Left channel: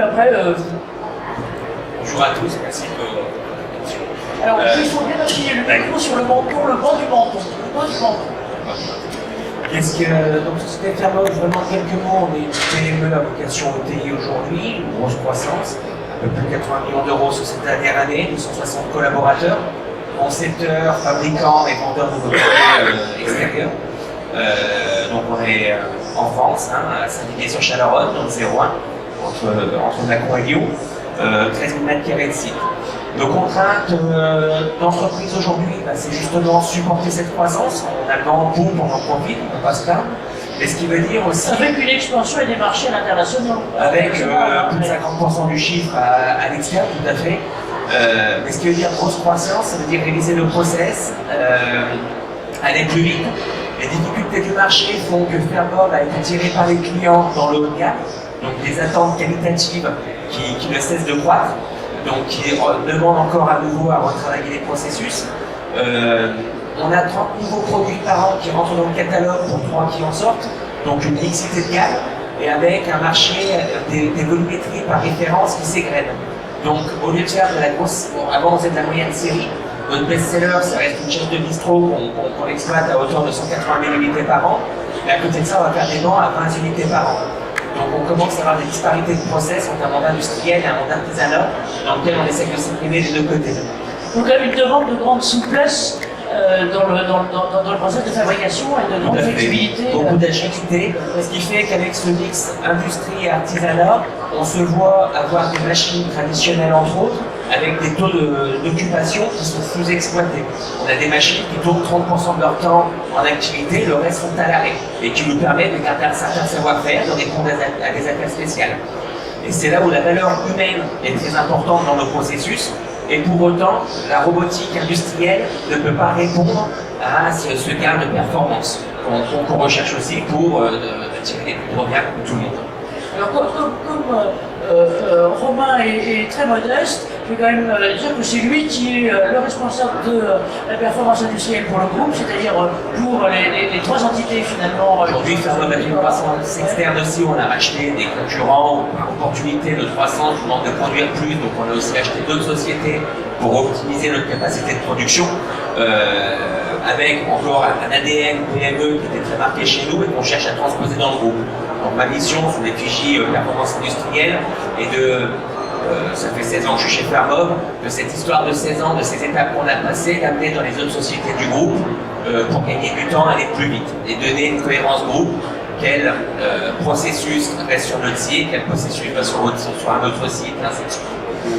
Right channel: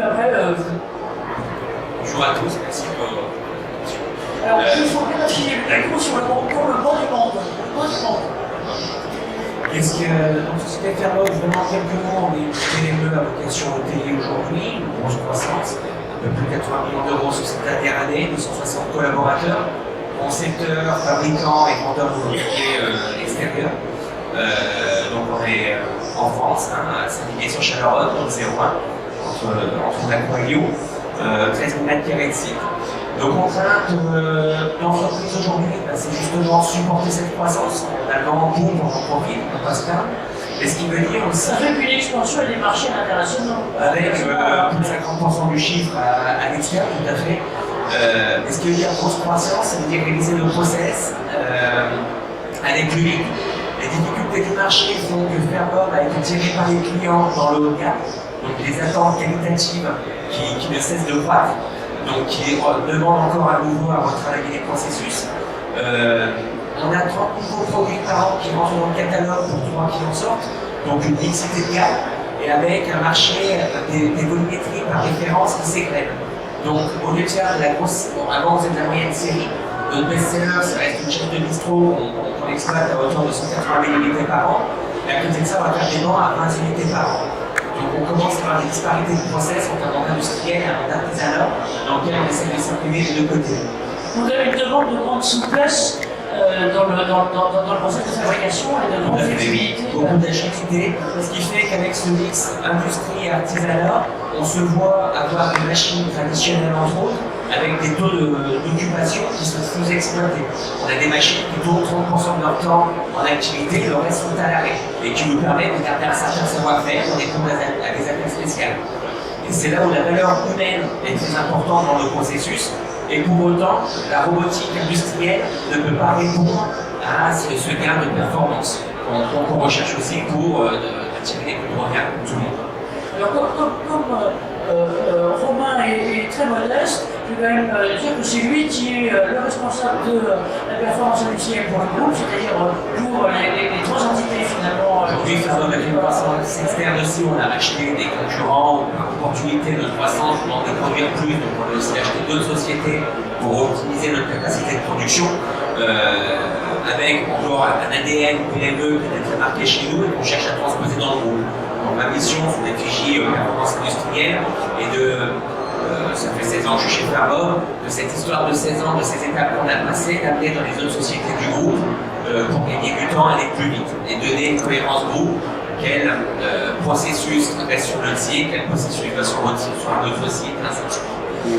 puis après... Bonjour à tous, merci pour votre attention. Alors, il faut bien appuyer le micro sur le menton, le bord du menton. Qu'est-ce que, donc, Société Fermop, vraiment quelques mots, on est une PME à vocation ETI aujourd'hui, une grosse croissance, un peu plus de 80 millions d'euros sur cette dernière année, 260 collaborateurs, concepteurs, fabricants et vendeurs de produits extérieurs. Donc on est en France, à Saint-Didier-sur-Chalaronne, donc 01, entre Lacroix et Lyon, 13 000 m² de site. Nos contraintes d'entreprise aujourd'hui, c'est justement supporter cette croissance. On a le grand boom, on en profite, on passe là. Mais ce qui veut dire aussi. Avec une expansion et des marchés internationaux. Avec plus de 50% du chiffre à l'extérieur, tout à fait. Mais ce qui veut dire grosse croissance, ça veut dire réaliser le process, aller plus vite. Les difficultés du marché font que Fermop a été tiré par les clients dans le local, donc des attentes qualitatives qui ne cessent de croître, donc qui demandent encore à nouveau à retravailler les processus. On a 30 nouveaux produits par an qui rentrent dans le catalogue pour 3 qui en sortent, donc une mixité de gamme, et avec un marché des volumétries par référence qui s'égrènent. Donc au lieu de faire de la grosse, avant on faisait de la moyenne série, notre best-seller ça reste une chaîne de bistrot qu'on exploite à hauteur de 180 000 unités par an, et à côté de ça on va faire des ventes à 20 unités par an. Donc on commence à avoir des disparités de process entre un monde industriel et un monde artisanal dans lequel on essaie de s'imprimer des deux côtés. Donc il y a une demande de grande souplesse dans le processus de fabrication et de grande flexibilité. Beaucoup d'agilité, ce qui fait qu'avec ce mix industrie et artisanat, on se voit avoir des machines traditionnelles entre autres, avec des taux d'occupation qui sont sous-exploités. On a des machines qui tournent 30% de leur temps en activité, le reste sont à l'arrêt, et qui nous permettent de garder un certain savoir-faire, de répondre à des appels spéciaux. Et c'est là où la valeur humaine est très importante dans le processus. Et pour autant, la robotique industrielle ne peut pas répondre à ce gain de performance qu'on recherche aussi pour tirer les plus gros gains pour tout le monde. Alors comme Romain est très modeste, je vais quand même dire que c'est lui qui est le responsable de la performance industrielle pour le groupe, c'est-à-dire pour les 3 entités finalement. Aujourd'hui, faisant de la croissance externe aussi, on a racheté des concurrents par opportunité de croissance, on demande de produire plus, donc on a aussi acheté d'autres sociétés pour optimiser notre capacité de production, avec encore un ADN PME qui était très marqué chez nous et qu'on cherche à transposer dans le groupe. Donc ma mission, c'est d'étudier performance industrielle et ça fait 16 ans que je suis chez Fermop, de cette histoire de 16 ans, de ces étapes qu'on a passées, d'amener dans les autres sociétés du groupe pour gagner du temps, aller plus vite et donner une cohérence groupe. Quel processus reste sur notre site, quel processus va sur un autre site, ainsi de suite.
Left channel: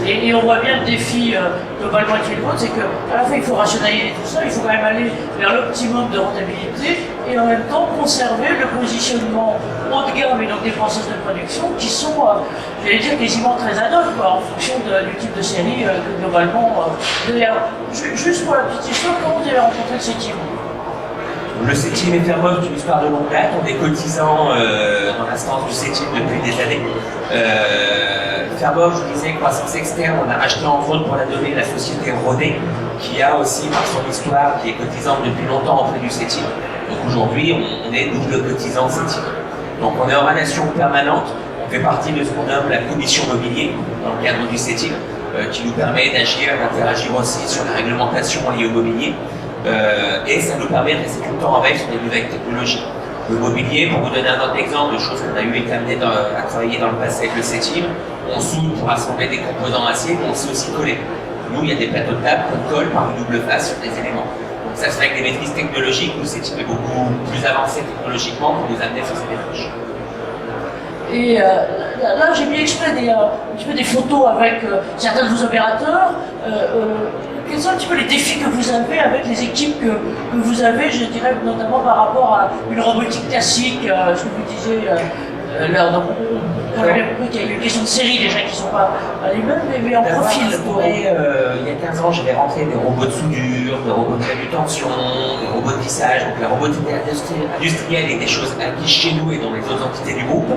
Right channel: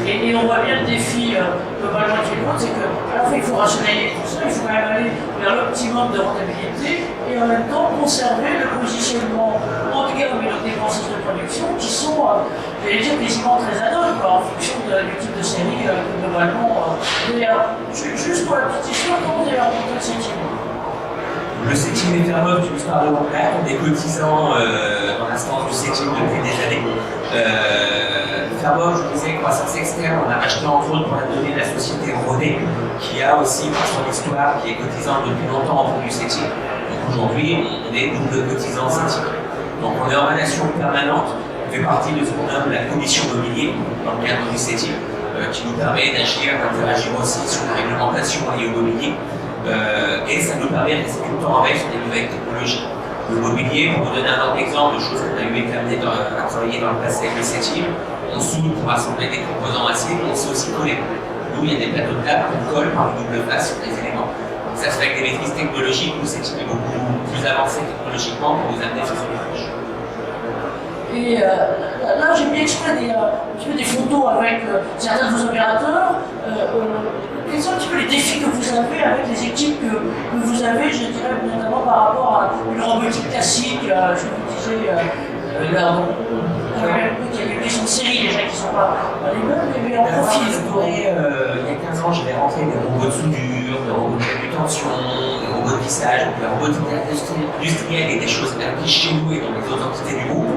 Et on voit bien le défi globalement qui est le c'est qu'à la fois il faut rationaliser tout ça, il faut quand même aller vers l'optimum de rentabilité et en même temps conserver le positionnement haut de gamme et donc des process de production qui sont, j'allais dire, quasiment très ad hoc en fonction du type de série globalement. Juste pour la petite histoire, comment vous avez rencontré le CETIM? Le CETIM et Fermop, une histoire de longue date, on est cotisants dans l'instance du CETIM depuis des années. Fermop, je disais, croissance externe, on a racheté entre autres pour la donner la société Rodé, qui a aussi, par son histoire, qui est cotisante depuis longtemps auprès du CETIM. Donc aujourd'hui, on est double cotisant CETIM. Donc on est en relation permanente, on fait partie de ce qu'on nomme la commission mobilier dans le cadre du CETIM, qui nous permet d'agir, d'interagir aussi sur la réglementation liée au mobilier. Et ça nous permet de rester tout le temps en veille sur des nouvelles technologies. Le mobilier, pour vous donner un autre exemple de choses qu'on a eu été amené à travailler dans le passé avec le CETIM, on soude pour assembler des composants acier, mais on sait aussi coller. Nous, il y a des plateaux de table qu'on colle par une double face sur des éléments. Donc ça se fait avec des maîtrises technologiques, où le CETIM est beaucoup plus avancé technologiquement pour nous amener sur ces démarches. Et là, j'ai mis exprès des photos avec certains de vos opérateurs. Quels sont un petit peu les défis que vous avez avec les équipes que vous avez, je dirais notamment par rapport à une robotique classique, je vous disais, il y a une question de série déjà qui ne sont pas à l'immeuble, mais en profil. Il y a 15 ans, j'avais rentré des robots de soudure, des robots de manutention, des robots de lissage, donc la robotique industrielle et des choses appliquées chez nous et dans les autres entités du groupe,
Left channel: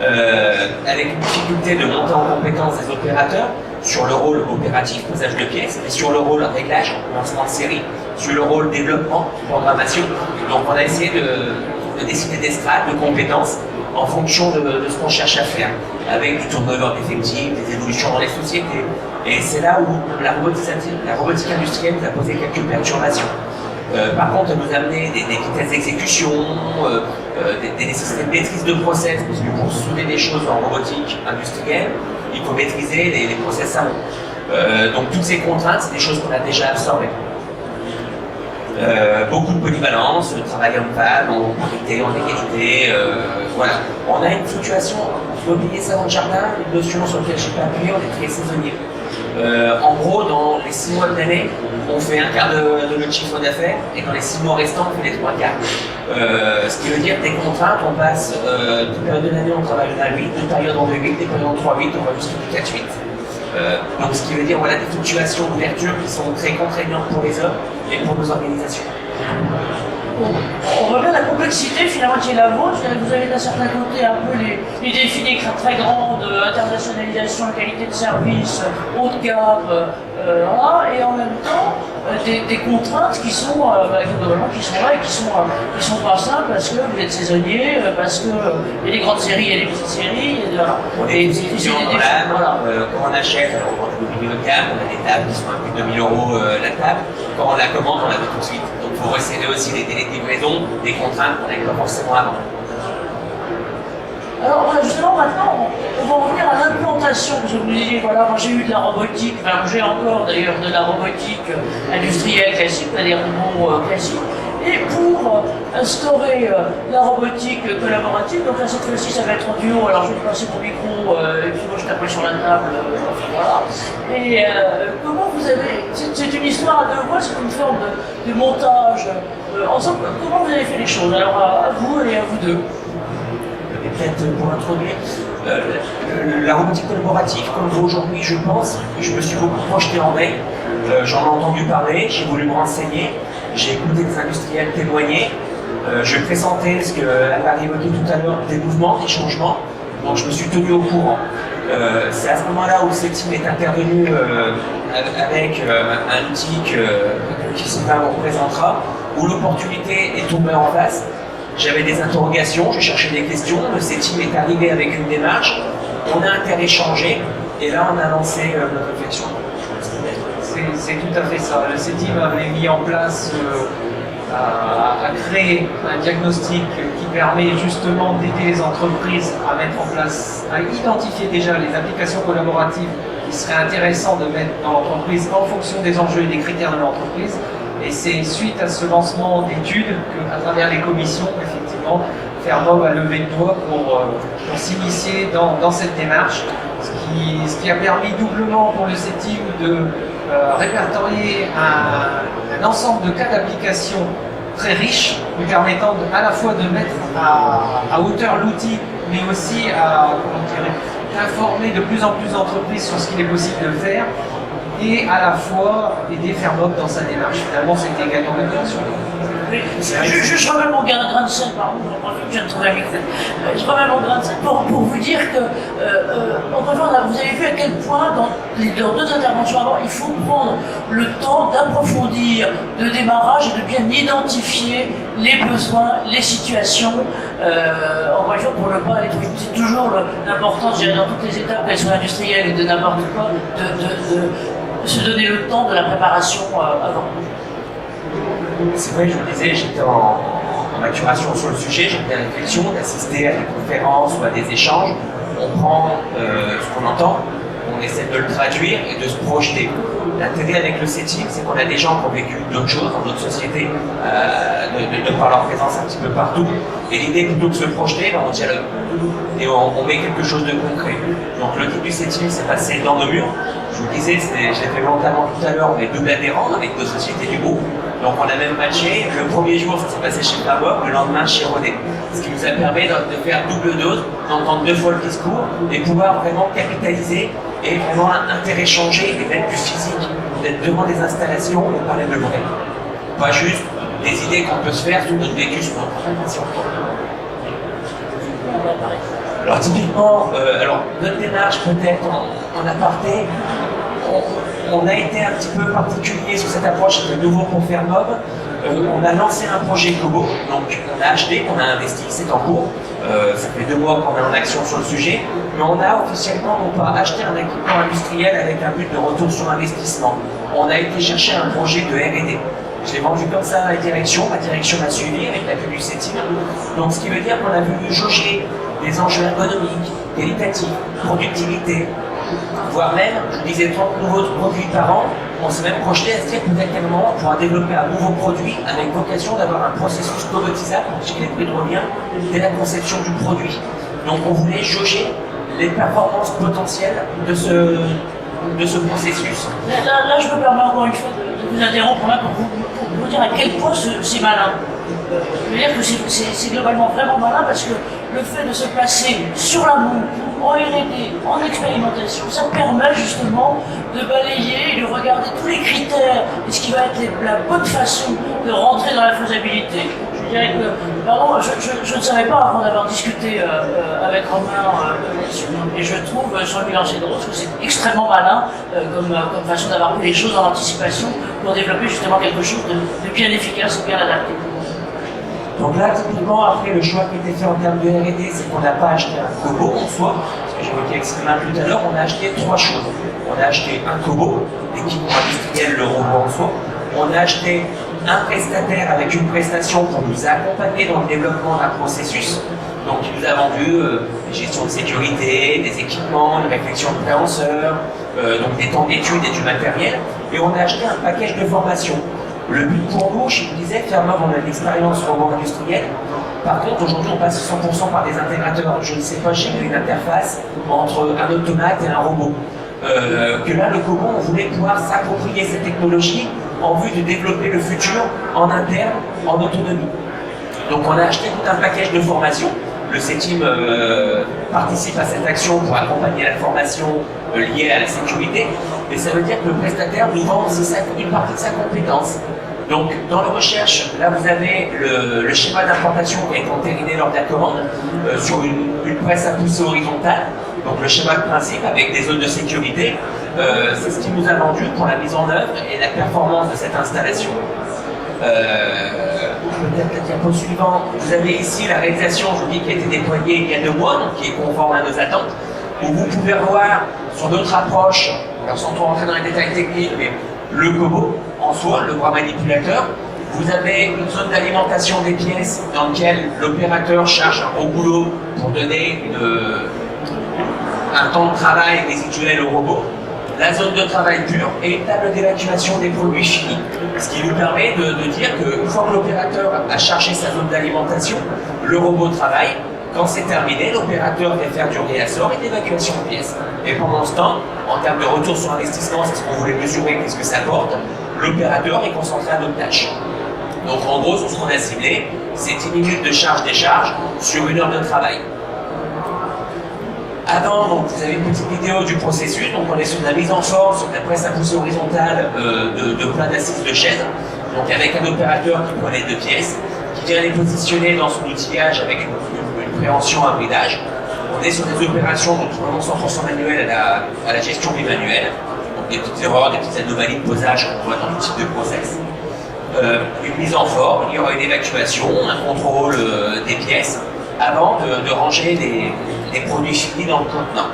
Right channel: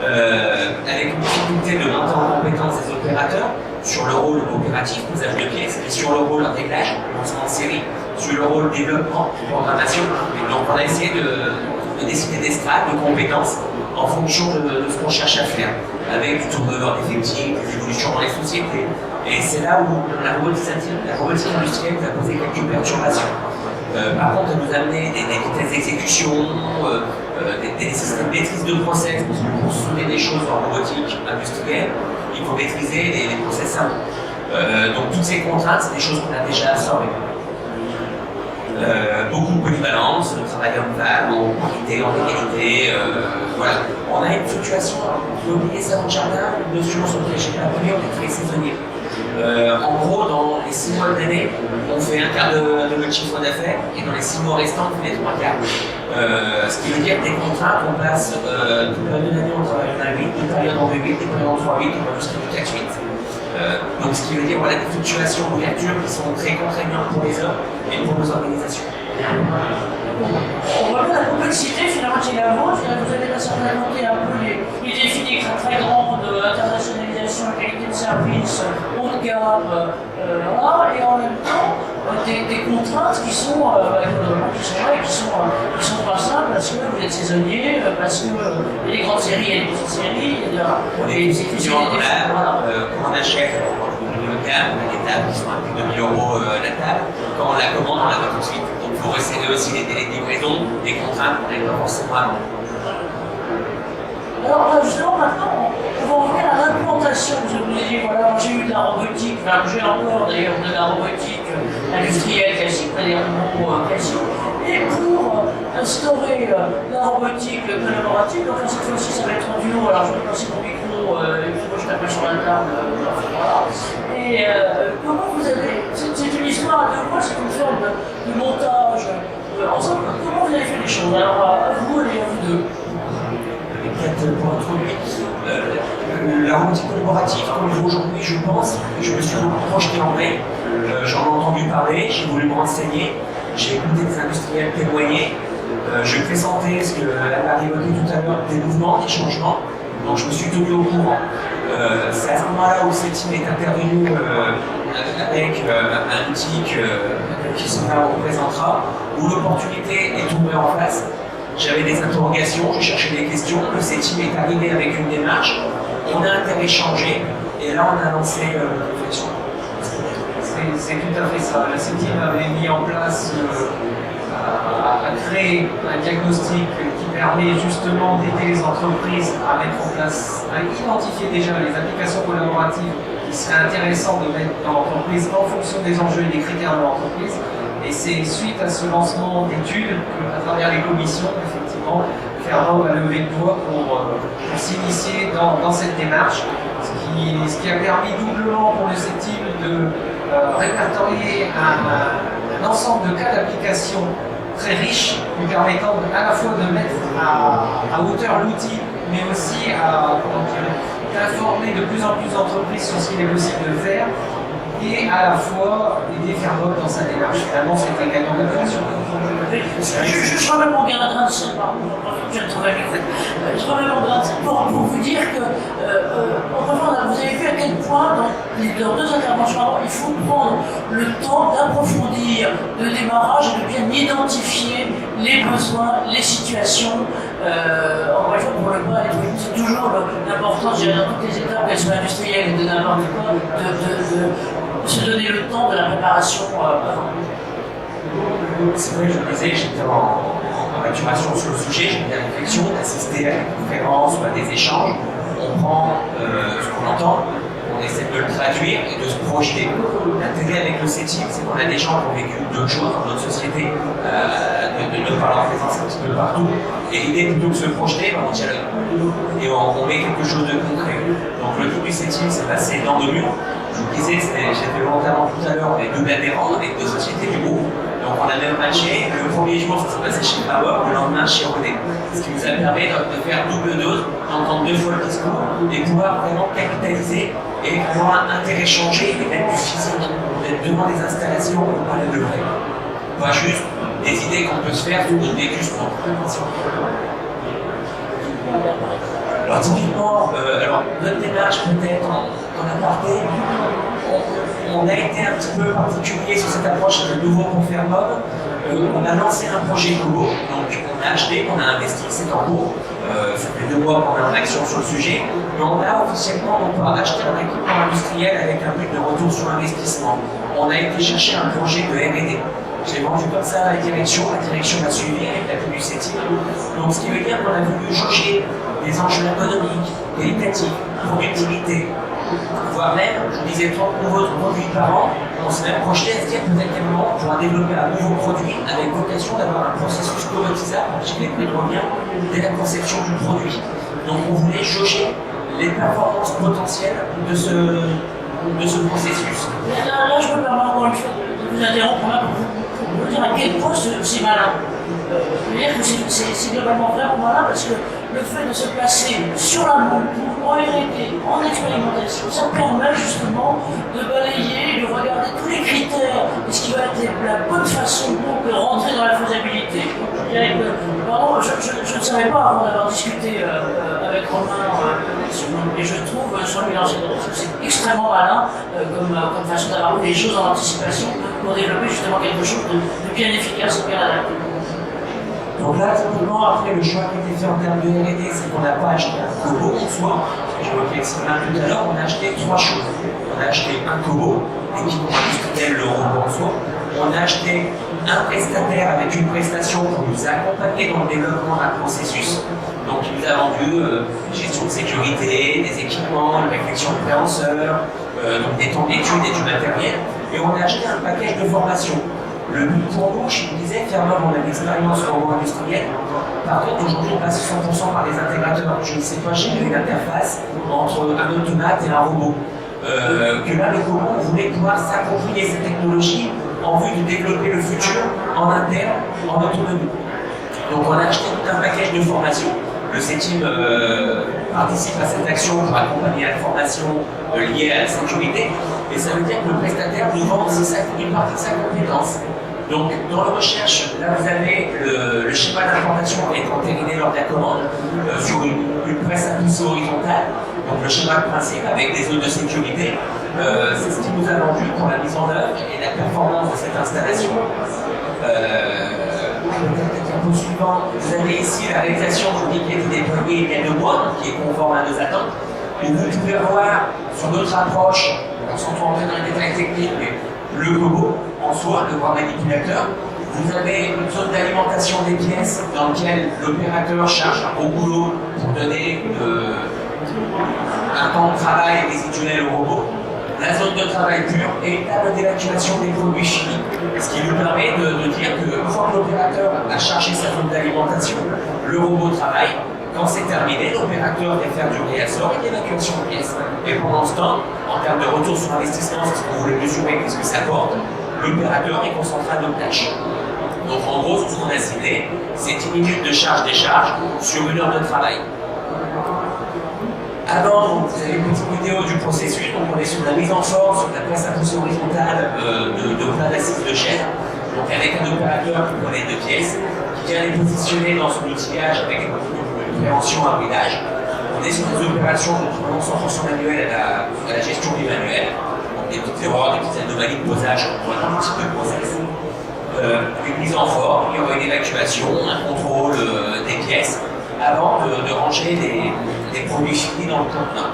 avec une difficulté de monter en compétence des opérateurs sur le rôle opératif, posage de pièces, et sur le rôle réglage, lancement de série, sur le rôle développement, programmation. Et donc on a essayé de décider des strates, de compétences, en fonction de ce qu'on cherche à faire. avec du turnover d'effectifs, des évolutions dans les sociétés. Et c'est là où la robotique industrielle nous a posé quelques perturbations. Par contre, elle nous a amené des vitesses d'exécution, des nécessités de maîtrise de process, parce que pour souder des choses en robotique industrielle, il faut maîtriser les process savants. Donc toutes ces contraintes, c'est des choses qu'on a déjà absorbées. Beaucoup de polyvalence, de travail homme-femme, en parité, en égalité, voilà. On a une fluctuation, l'immobilier salon de jardin, une notion sur laquelle je n'ai pas appuyé, on est très saisonnier. En gros, dans les 6 mois de l'année, on fait un quart de notre chiffre d'affaires et dans les 6 mois restants, on fait les 3 quarts. Ce qui veut dire des contraintes, on passe toute période de l'année, on travaille en 8, une période en 8, des périodes en 3-8, on va jusqu'à 4-8. Donc ce qui veut dire voilà, des fluctuations d'ouverture qui sont très contraignantes pour les hommes et pour nos organisations. On voit bien la complexité finalement qui est la vôtre. Vous avez d'un certain côté un peu les défis des très grandes, internationalisation, qualité de service, haut de gamme, voilà, et en même temps des contraintes qui sont, qui sont là et qui sont pas simples parce que vous êtes saisonnier, parce que il y a des grandes séries, il y a des petites séries, on est des étudiants en gamme, quand on achète, on vend de milieu de gamme, on a des tables qui sont à plus de 1000 € la table. Quand on la commande, on la veut tout de suite. Donc il faut resserrer aussi les délais de livraison, des contraintes qu'on n'avait pas forcément avant. Alors justement maintenant, on va revenir à l'implantation. Je vous ai dit, voilà, moi j'ai eu de la robotique, enfin j'ai encore d'ailleurs de la robotique industrielle classique, c'est-à-dire du mot classique. Et pour instaurer la robotique collaborative, donc là cette fois-ci ça va être en duo, alors je vais passer mon micro, je tape sur la table, voilà. Et comment vous avez, c'est une histoire à deux voix, c'est une forme de montage ensemble, comment vous avez fait les choses? Alors à vous et à vous deux. Peut-être pour introduire la robotique collaborative, comme vous aujourd'hui, je pense, je me suis beaucoup projeté en mai. J'en ai entendu parler, j'ai voulu me renseigner, j'ai écouté des industriels témoigner, je pressentais ce qu'elle a évoqué tout à l'heure, des mouvements, des changements, donc je me suis tenu au courant. C'est à ce moment-là où cette team est intervenue avec un outil qui se représentera, où l'opportunité est tombée en face. J'avais des interrogations, je cherchais des questions, le CETIM est arrivé avec une démarche, on a interéchangé, et là on a lancé notre réflexion. C'est tout à fait ça. Le CETIM avait mis en place, a créé un diagnostic qui permet justement d'aider les entreprises à mettre en place, à identifier déjà les applications collaboratives qui seraient intéressantes de mettre dans l'entreprise en fonction des enjeux et des critères de l'entreprise. Et c'est suite à ce lancement d'études qu'à travers les commissions, effectivement, Fermob a levé le doigt pour s'initier dans cette démarche, ce qui a permis doublement pour le CETIM de répertorier un ensemble de cas d'application très riche, lui permettant à la fois de mettre à hauteur l'outil, mais aussi à informer de plus en plus d'entreprises sur ce qu'il est possible de faire, et à la fois aider Fermob dans sa démarche. Finalement, c'était également une fonction. Je remets mon grain de sel, pardon, je viens de trouver un micro. Je remets mon grain de sel pour vous dire que, vous avez vu à quel point, dans les deux interventions avant, il faut prendre le temps d'approfondir le démarrage et de bien identifier les besoins, les situations. Encore une fois, pour le pas, c'est toujours l'importance, dans toutes les étapes, qu'elles soient industrielles ou de n'importe quoi, de se donner le temps de la préparation avant. C'est vrai, je vous disais, j'étais en maturation sur le sujet, j'ai fait la réflexion, d'assister à des conférences ou à des échanges. On prend ce qu'on entend, on essaie de le traduire et de se projeter. L'intérêt avec le CETIM, c'est qu'on a des gens qui ont vécu d'autres choses dans notre société, de par leur présence un petit peu partout. Et l'idée, plutôt que de se projeter, on dialogue. Et on met quelque chose de concret. Donc le but du CETIM, c'est passer dans nos murs. Je vous disais, j'ai fait volontairement tout à l'heure, on est double adhérents avec deux sociétés du groupe. Donc on a même matché. Le premier jour, ça s'est passé chez Fabor, le lendemain chez René. Ce qui nous a permis de faire double dose, d'entendre deux fois le discours et pouvoir vraiment capitaliser et vraiment interéchanger et mettre du physique, d'être devant des installations où on parlait de vrai. Pas juste des idées qu'on peut se faire sous une vécu sur notre. Alors typiquement, notre démarche peut-être en aparté, on a été un petit peu particulier sur cette approche de nouveau pour Fermob. On a lancé un projet Globo, donc on a acheté, on a investi, c'est en cours. Ça fait 2 mois qu'on est en action sur le sujet, mais on a officiellement pas acheté un équipement industriel avec un but de retour sur investissement. On a été chercher un projet de R&D. Je l'ai vendu comme ça à la direction m'a suivi avec l'appui du CETIM. Donc ce qui veut dire qu'on a voulu jauger les enjeux ergonomiques, qualitatifs, productivité, voire même, je vous disais 30 nouveaux produits par an. On s'est même projeté à se dire peut-être qu'à un moment on pourra développer un nouveau produit avec vocation d'avoir un processus cobotisable chez les pétroliens dès la conception du produit. Donc on voulait jauger les performances potentielles de ce processus. Là, je me permets encore une fois de vous interrompre pour vous dire à quel point c'est malin. Je veux dire que c'est globalement vraiment malin parce que le fait de se placer sur la boue, en R&D, en expérimentation, ça permet justement de balayer et de regarder tous les critères et ce qui va être la bonne façon de rentrer dans la faisabilité. Je dirais que, pardon, je ne savais pas avant d'avoir discuté avec Romain et je trouve sur le bilan de Rose que c'est extrêmement malin comme façon d'avoir mis les choses en anticipation pour développer justement quelque chose de bien efficace et bien adapté. Donc là, typiquement, après le choix qui a été fait en termes de R&D, c'est qu'on n'a pas acheté un Kobo en soi, parce que j'évoquais extrêmement tout à l'heure, on a acheté 3 choses. On a acheté un Kobo, l'équipement industriel, le robot en soi. On a acheté un prestataire avec une prestation pour nous accompagner dans le développement d'un processus. Donc il nous a vendu gestion de sécurité, des équipements, une réflexion de préhenseur, donc des temps d'études et du matériel. Et on a acheté un package de formation. Le but pour nous, je vous disais, clairement, on a de l'expérience robot industriel. Par contre, aujourd'hui, on passe 100% par des intégrateurs. Je ne sais pas gérer une interface entre un automate et un robot. Que là, le Kobo, on voulait pouvoir s'approprier cette technologie en vue de développer le futur en interne, en autonomie. Donc, on a acheté tout un package de formation. Le CETIM participe à cette action pour accompagner la formation liée à la sécurité. Et ça veut dire que le prestataire nous vend aussi une partie de sa compétence. Donc, dans la recherche, là vous avez le schéma d'implantation qui est entériné lors de la commande sur une presse à poussée horizontale. Donc, le schéma de principe avec des zones de sécurité. C'est ce qui nous a vendu pour la mise en œuvre et la performance de cette installation. Peut-être le diapo suivant. Vous avez ici la réalisation, je vous dis, qui a été déployée il y a 2 mois, donc qui est conforme à nos attentes. Et vous pouvez voir sur notre approche, alors sans trop entrer dans les détails techniques, mais le Kobo en soi, le bras manipulateur. Vous avez une zone d'alimentation des pièces dans laquelle l'opérateur charge un gros boulot pour donner un temps de travail résiduel au robot. La zone de travail pure et une table d'évacuation des produits finis. Ce qui nous permet de dire qu'une fois que l'opérateur a chargé sa zone d'alimentation, le robot travaille. Quand c'est terminé, l'opérateur vient faire du réassort et d'évacuation de pièces. Et pendant ce temps, en termes de retour sur investissement, c'est ce qu'on voulait mesurer, qu'est-ce que ça apporte, l'opérateur est concentré à d'autres tâches. Donc en gros, ce qu'on a ciblé, c'est 10 minutes de charge-décharge sur 1 heure de travail. Avant, donc, vous avez une petite vidéo du processus, donc on est sur la mise en forme, sur la presse à poussée horizontale de plein d'assises de chaîne, donc avec un opérateur qui prend les 2 pièces, qui vient les positionner dans son outillage avec une préhension à bridage. On est sur des opérations de tournement 100% manuel à la gestion du manuel, donc des petites erreurs, des petites anomalies de posage qu'on voit dans le type de process. Une mise en forme, il y aura une évacuation, un contrôle des pièces, avant de ranger les produits finis dans le contenant.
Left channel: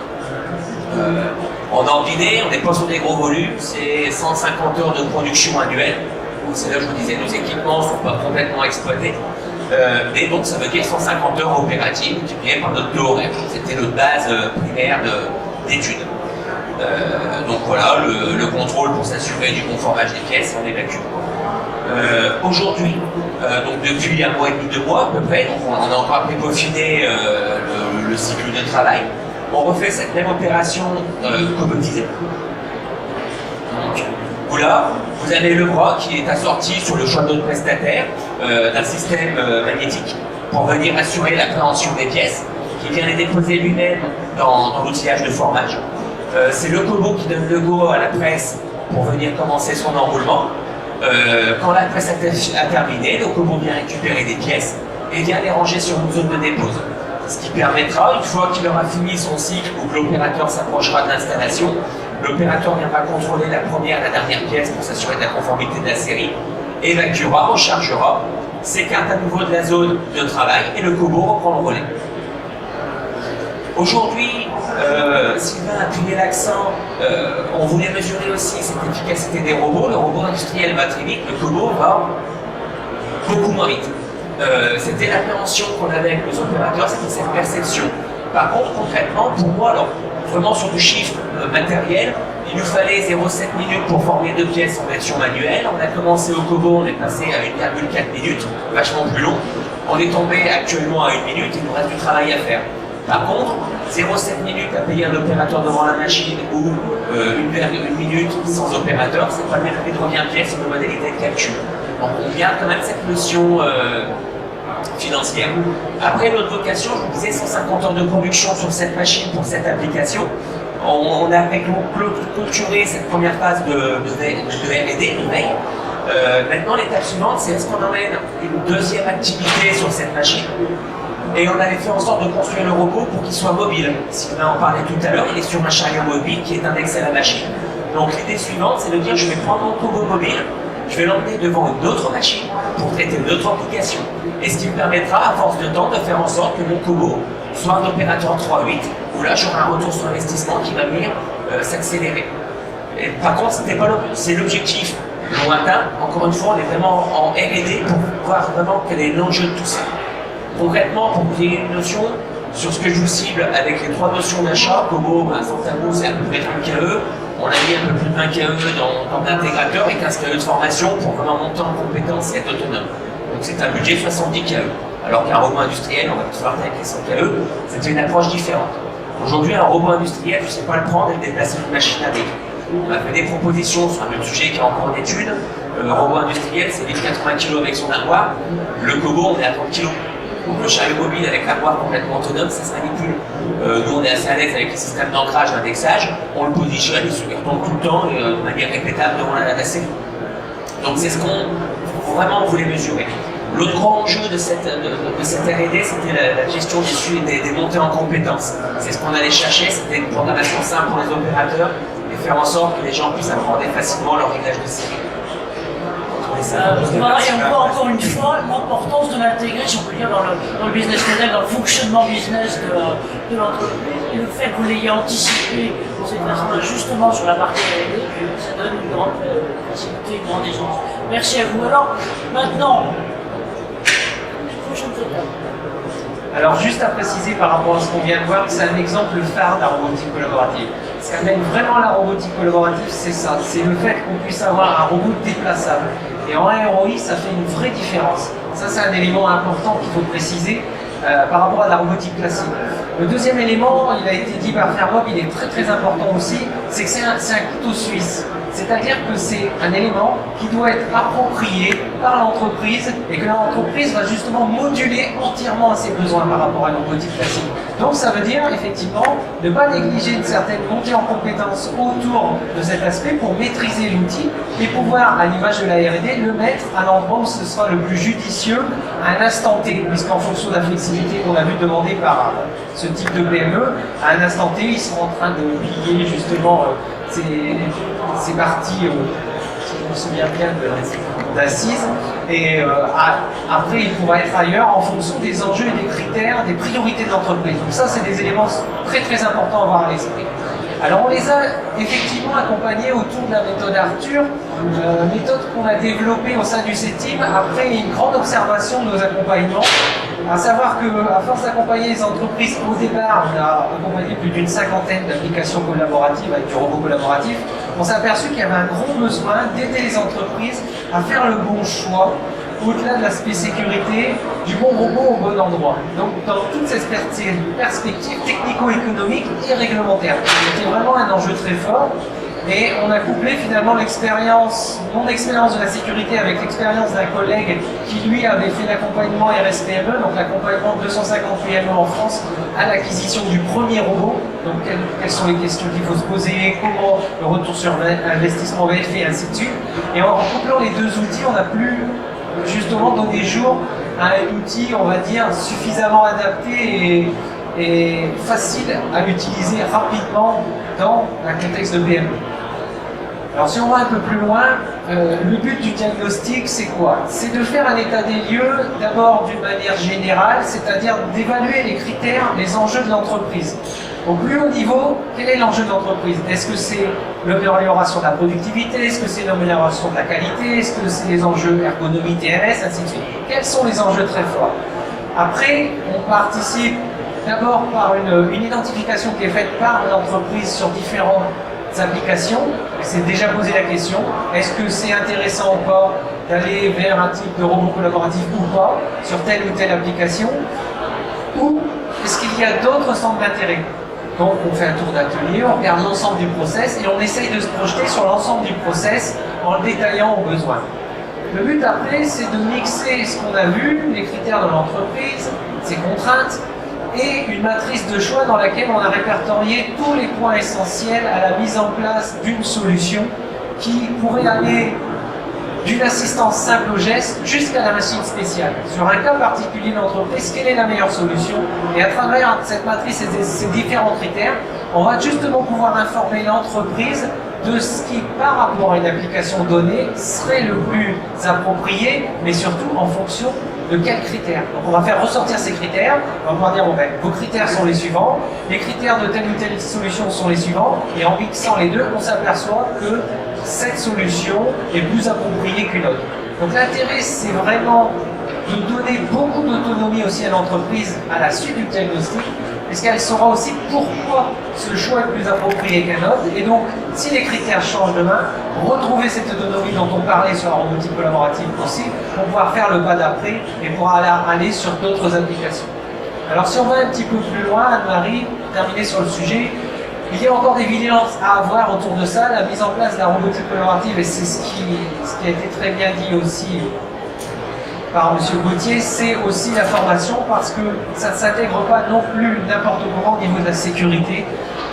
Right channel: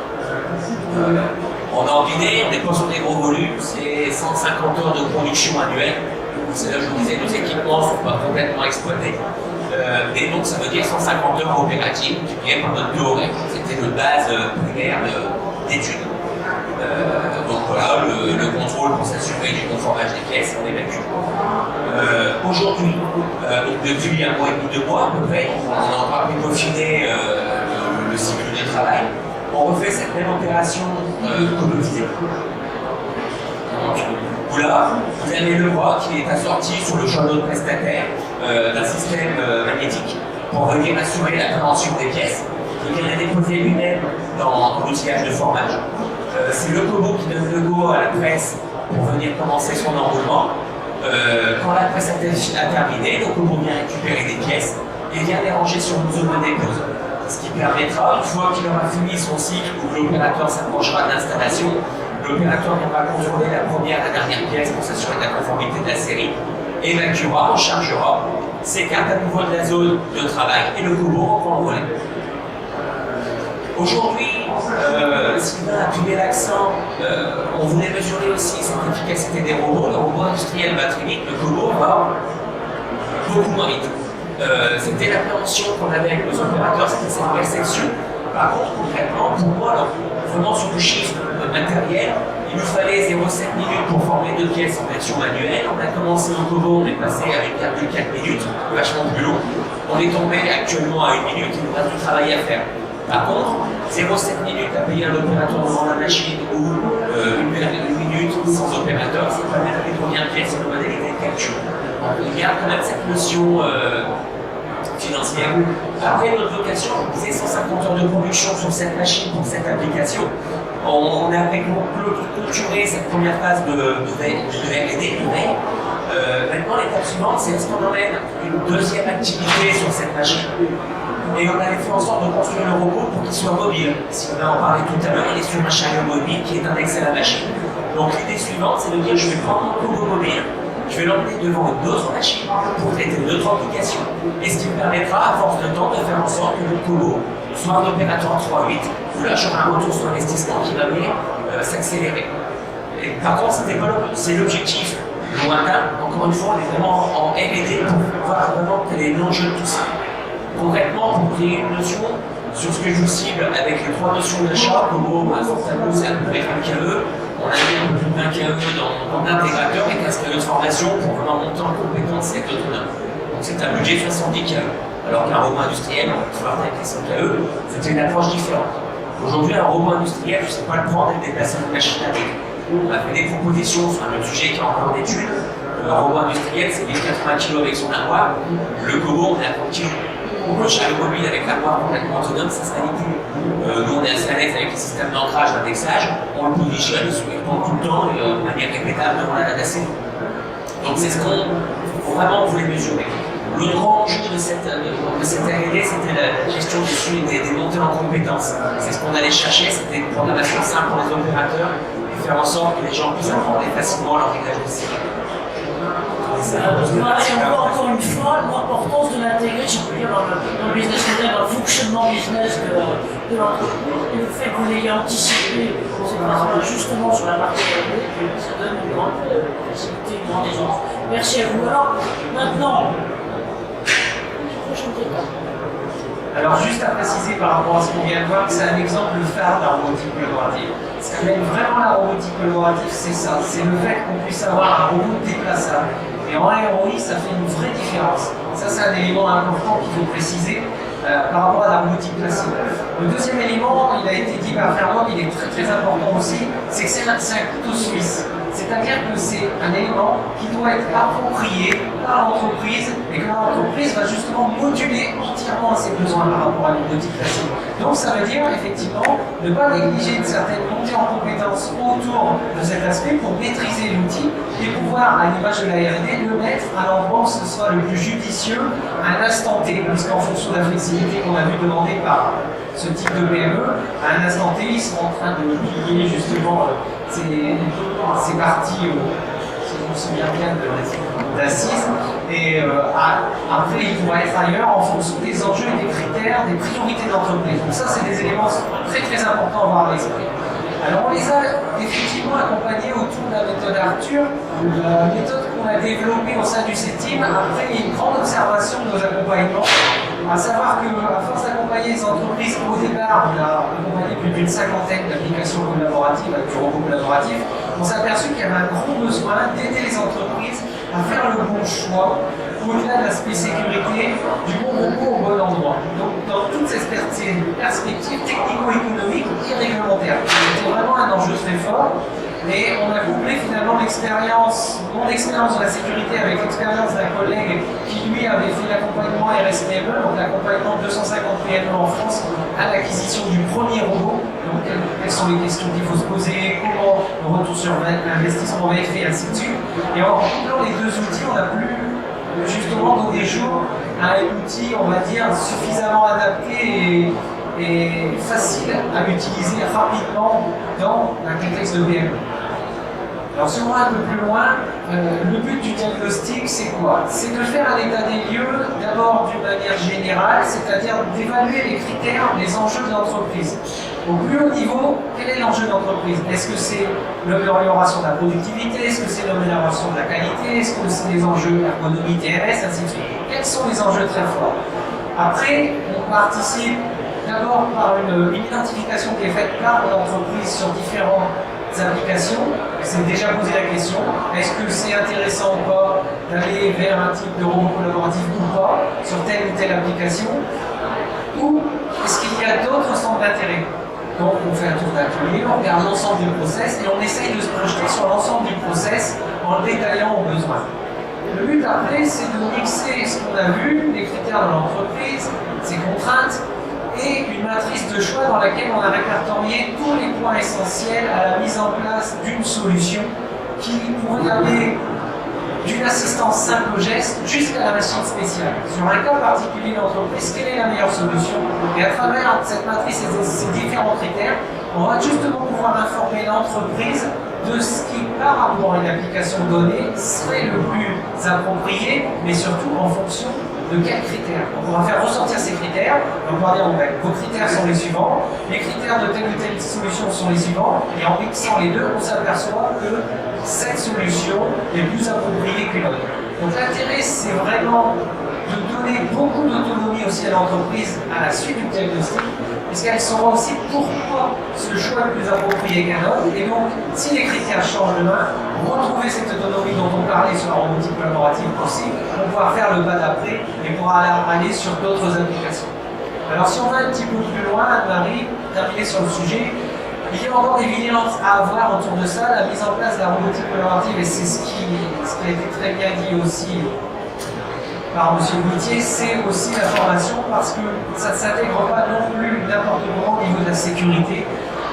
En ordiné, on n'est pas sur des gros volumes, c'est 150 heures de production annuelle. C'est là que je vous disais, nos équipements ne sont pas complètement exploités. Et donc ça veut dire 150 heures opératives, multipliées par notre taux horaire. C'était notre base primaire d'études. Donc voilà, le contrôle pour s'assurer du conformage des pièces, on évacue. Aujourd'hui, donc depuis 1 mois et demi, 2 mois à peu près, donc on a encore pu peaufiner le cycle de travail. On refait cette même opération cobotisée. Donc, là, vous avez le bras qui est assorti sur le choix de notre prestataire d'un système magnétique pour venir assurer l'appréhension des pièces, qui vient les déposer lui-même dans l'outillage de formage. C'est le Kobo qui donne le go à la presse pour venir commencer son enroulement. Quand la presse a terminé, le Kobo vient récupérer des pièces et vient les ranger sur une zone de dépose. Ce qui permettra, une fois qu'il aura fini son cycle ou que l'opérateur s'approchera de l'installation, l'opérateur viendra contrôler la première et la dernière pièce pour s'assurer de la conformité de la série, évacuera, rechargera, s'écarte à nouveau de la zone de travail et le Kobo reprend le relais. Aujourd'hui, Sylvain a appuyé l'accent, on voulait mesurer aussi cette efficacité des robots. Le robot industriel va très vite, le Kobo va beaucoup moins vite. C'était l'appréhension qu'on avait avec nos opérateurs, c'était cette perception. Par contre, concrètement, pour moi, alors, vraiment sur du chiffre matériel, il nous fallait 0,7 minutes pour former 2 pièces en version manuelle. On a commencé au Kobo, on est passé à 1,4 minutes, vachement plus long. On est tombé actuellement à 1 minute, il nous reste du travail à faire. Par contre, 0,7 minutes à payer un opérateur devant la machine ou 1 minute sans opérateur, c'est pas le même prix de revient pièce, c'est une modalité de calcul. Donc il y a quand même cette notion financière. Après notre vocation, je vous disais 150 heures de production sur cette machine pour cette application. On a clôturé cette première phase de R&D, de veille. Maintenant, l'étape suivante, c'est est-ce qu'on emmène une deuxième activité sur cette machine. Et on avait fait en sorte de construire le robot pour qu'il soit mobile. Sylvain en parlait tout à l'heure, il est sur un chariot mobile qui est indexé à la machine. Donc l'idée suivante, c'est de dire je vais prendre mon Kobo mobile, je vais l'emmener devant d'autres machines pour traiter d'autres applications. Et ce qui me permettra, à force de temps, de faire en sorte que mon Kobo soit un opérateur 3.8, où là j'aurai un retour sur investissement qui va venir s'accélérer. Et par contre, c'est l'objectif lointain. Encore une fois, on est vraiment en R&D pour voir vraiment quel est l'enjeu de tout ça. Concrètement, pour qu'il y ait une notion sur ce que je vous cible avec les 3 notions d'achat, Kobo, Fortamo, c'est à peu près 1 KE. On a mis un peu plus de 20 KE dans l'intégrateur et 15 KE de formation pour vraiment monter en compétence et être autonome. Donc c'est un budget 70 KE. Alors qu'un robot industriel, on va se voir avec les 100 KE, c'était une approche différente. Aujourd'hui, un robot industriel, je ne sais pas le prendre et le déplacer une machine avec. On a fait des propositions sur un sujet qui est encore en étude. Le robot industriel, c'est 1080 kg avec son armoire. Le Kobo, on est à 30 kg. Le chariot mobile avec l'armoire complètement autonome, ça se manipule. Nous, on est assez à l'aise avec les systèmes d'ancrage, d'indexage. On le positionne, il se retombe tout le temps de manière répétable devant la nacelle. Donc, c'est ce qu'on vraiment voulait mesurer. L'autre grand enjeu de cette R&D, c'était la gestion des montées en compétences. C'est ce qu'on allait chercher, c'était une programmation simple pour les opérateurs et faire en sorte que les gens puissent apprendre facilement leur réglage de série. On voit encore une fois l'importance de l'intégrer, si on peut dire, dans le business model, dans le fonctionnement business de l'entreprise. Et le fait que vous l'ayez anticipé cette phase-là justement sur la partie R&D, ça donne une grande facilité, une grande aisance. Merci à vous. Alors, maintenant, prochaine étape. Alors juste à préciser par rapport à ce qu'on vient de voir, c'est un exemple phare de la robotique collaborative. Ce qu'amène vraiment la robotique collaborative, c'est ça, c'est le fait qu'on puisse avoir un robot déplaçable. Et en ROI, ça fait une vraie différence. Ça, c'est un élément important qu'il faut préciser par rapport à la robotique classique. Le deuxième élément, il a été dit par Fermo, il est très très important aussi, c'est que c'est un couteau suisse. C'est-à-dire que c'est un élément qui doit être approprié par l'entreprise et que l'entreprise va justement moduler entièrement ses besoins par rapport à la robotique classique. Donc ça veut dire effectivement ne pas négliger une certaine montée en compétences autour de cet aspect pour maîtriser l'outil et pouvoir, à l'image de la R&D, le mettre à l'endroit où ce sera le plus judicieux à un instant T, puisqu'en fonction de la flexibilité qu'on a vu demander par ce type de PME, à un instant T, ils seront en train de plier justement ces parties, si je me souviens bien, d'assises. Et après, il pourra être ailleurs en fonction des enjeux et des critères, des priorités de l'entreprise. Donc ça, c'est des éléments très très importants à avoir à l'esprit. Alors on les a effectivement accompagnés autour de la méthode Arthur, méthode qu'on a développée au sein du CETIM après une grande observation de nos accompagnements. À savoir qu'à force d'accompagner les entreprises, au départ, on a accompagné plus d'une 50aine d'applications collaboratives avec du robot collaboratif, on s'est aperçu qu'il y avait un gros besoin d'aider les entreprises à faire le bon choix, au-delà de l'aspect sécurité, du bon robot au bon endroit. Donc dans toute cette perspective technico-économique et réglementaire. C'était vraiment un enjeu très fort. Et on a couplé finalement mon expérience de la sécurité avec l'expérience d'un collègue qui lui avait fait l'accompagnement RSPME, donc l'accompagnement de 250 PME en France à l'acquisition du premier robot. Donc quelles sont les questions qu'il faut se poser, comment le retour sur investissement va être fait, ainsi de suite. Et en couplant les deux outils, on a pu justement donner jour à un outil, on va dire, suffisamment adapté et facile à utiliser rapidement dans un contexte de PME. Alors si on va un peu plus loin, le but du diagnostic, c'est quoi? C'est de faire un état des lieux, d'abord d'une manière générale, c'est-à-dire d'évaluer les critères, les enjeux de l'entreprise. Au plus haut niveau, quel est l'enjeu de l'entreprise? Est-ce que c'est l'amélioration de la productivité? Est-ce que c'est l'amélioration de la qualité? Est-ce que c'est les enjeux ergonomie, TMS, ainsi de suite? Quels sont les enjeux très forts? Après, on participe d'abord par une identification qui est faite par l'entreprise sur différentes applications. C'est déjà posé la question, est-ce que c'est intéressant ou pas d'aller vers un type de robot collaboratif ou pas sur telle ou telle application? Ou est-ce qu'il y a d'autres centres d'intérêt? Donc on fait un tour d'atelier, on regarde l'ensemble du process et on essaye de se projeter sur l'ensemble du process en le détaillant aux besoins. Le but après, c'est de mixer ce qu'on a vu, les critères de l'entreprise, ses contraintes, et une matrice de choix dans laquelle on a répertorié tous les points essentiels à la mise en place d'une solution qui pourrait aller d'une assistance simple au geste jusqu'à la machine spéciale. Sur un cas particulier de l'entreprise, quelle est la meilleure solution? Et à travers cette matrice et ces différents critères, on va justement pouvoir informer l'entreprise de ce qui, par rapport à une application donnée, serait le plus approprié, mais surtout en fonction de quels critères. Donc on va faire ressortir ces critères, on va dire vos critères sont les suivants, les critères de telle ou telle solution sont les suivants, et en mixant les deux, on s'aperçoit que cette solution est plus appropriée qu'une autre. Donc l'intérêt, c'est vraiment de donner beaucoup d'autonomie aussi à l'entreprise à la suite du diagnostic, puisqu'elle saura aussi pourquoi ce choix est plus approprié qu'un autre. Et donc, si les critères changent demain, retrouver cette autonomie dont on parlait sur la robotique collaborative aussi, pour pouvoir faire le pas d'après et pouvoir aller sur d'autres applications. Alors si on va un petit peu plus loin, Anne-Marie, terminer sur le sujet, il y a encore des vigilances à avoir autour de ça, la mise en place de la robotique collaborative, et c'est ce qui a été très bien dit aussi par M. Gauthier, c'est aussi la formation, parce que ça ne s'intègre pas non plus n'importe comment au niveau de la sécurité.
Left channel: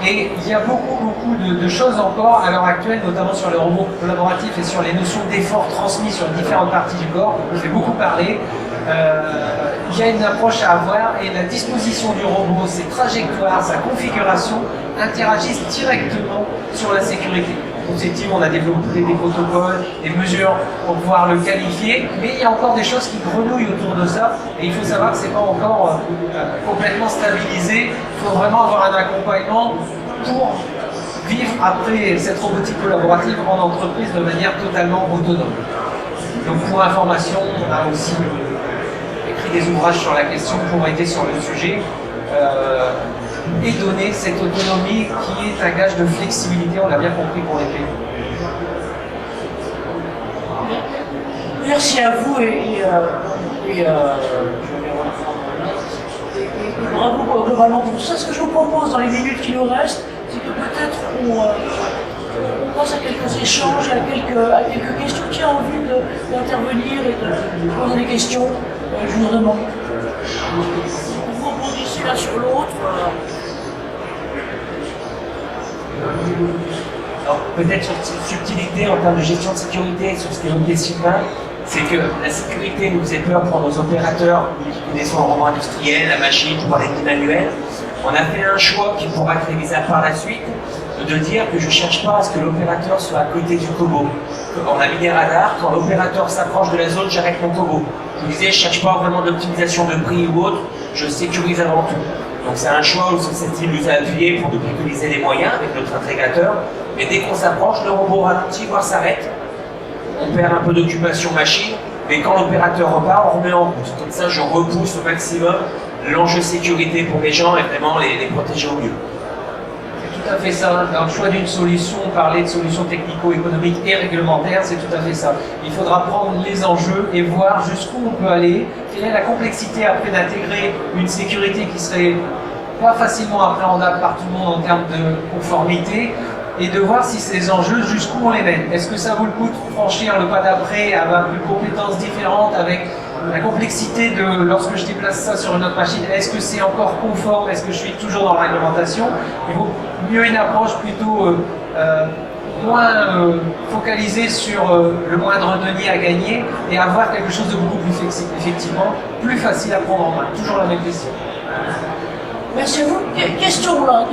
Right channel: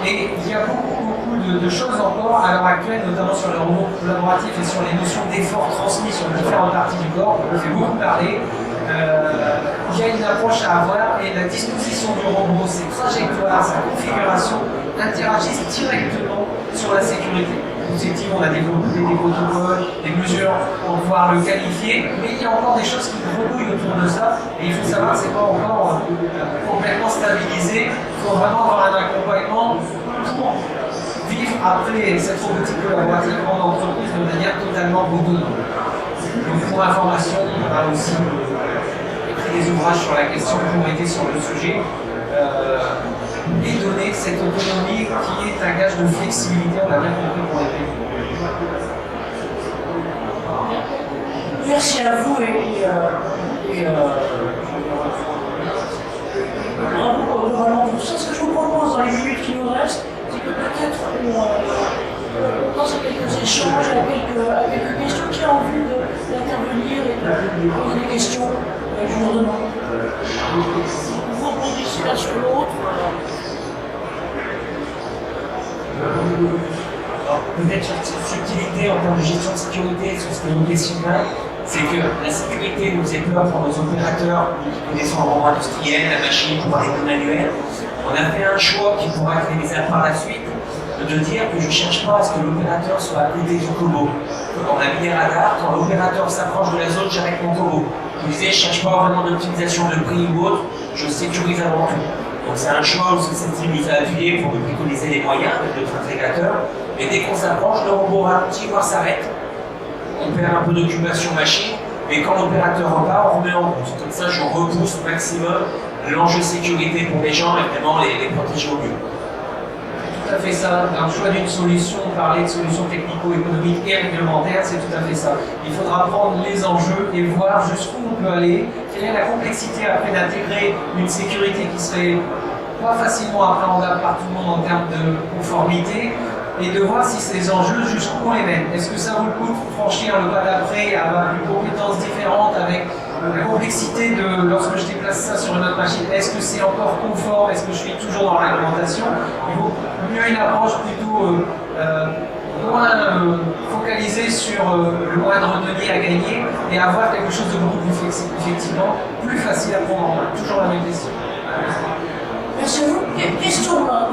Et il y a beaucoup de choses encore à l'heure actuelle, notamment sur le robot collaboratif et sur les notions d'effort transmis sur différentes parties du corps. On fait beaucoup parler. Il y a une approche à avoir, et la disposition du robot, ses trajectoires, sa configuration interagissent directement sur la sécurité. Effectivement, on a développé des protocoles, des mesures pour pouvoir le qualifier, mais il y a encore des choses qui grenouillent autour de ça, et il faut savoir que ce n'est pas encore complètement stabilisé. Il faut vraiment avoir un accompagnement pour vivre après cette robotique collaborative en entreprise de manière totalement autonome. Donc pour information, on a aussi écrit des ouvrages sur la question pour aider sur le sujet. Et donner cette autonomie qui est un gage de flexibilité, on l'a bien compris pour les pays. Merci à vous et bravo globalement pour ça. Ce que je vous propose dans les minutes qui nous restent, c'est que peut-être on pense à quelques échanges, à quelques questions. Qui a envie d'intervenir et de poser des questions? Je vous demande. Vous rebondissez l'un sur l'autre. Alors, peut-être sur cette subtilité en termes de gestion de sécurité, sur ce que l'on questionne, c'est que la sécurité nous fait peur pour nos opérateurs qui connaissent le robot industriel, la machine, pour les manuels. On a fait un choix qui pourra être réalisé par la suite, de dire que je ne cherche pas à ce que l'opérateur soit à côté du combo. On a mis des radars, quand l'opérateur s'approche de la zone, j'arrête mon combo. Je disais, je ne cherche pas vraiment d'optimisation de prix ou autre, je sécurise avant tout. Donc c'est un choix où cette team nous a appuyé pour nous préconiser les moyens avec notre intégrateur. Et dès qu'on s'approche, le robot ralentit, voire s'arrête. On perd un peu d'occupation machine, mais quand l'opérateur repart, on remet en route. Comme ça, je repousse au maximum l'enjeu sécurité pour les gens et vraiment les protéger au mieux. C'est tout à fait ça. Dans le choix d'une solution, parler de solutions technico-économiques et réglementaires, c'est tout à fait ça. Il faudra prendre les enjeux et voir jusqu'où on peut aller, quelle est la complexité après d'intégrer une sécurité qui serait pas facilement appréhendable par tout le monde en termes de conformité, et de voir si ces enjeux, jusqu'où on les mène. Est-ce que ça vaut le coup de franchir le pas d'après avec une compétence différente, avec la complexité de lorsque je déplace ça sur une autre machine? Est-ce que c'est encore conforme? Est-ce que je suis toujours dans la réglementation? Il vaut mieux une approche plutôt moins focalisée sur le moindre denier à gagner et avoir quelque chose de beaucoup plus flexible, effectivement, plus facile à prendre en main. Toujours la même question. Merci à vous. Question là.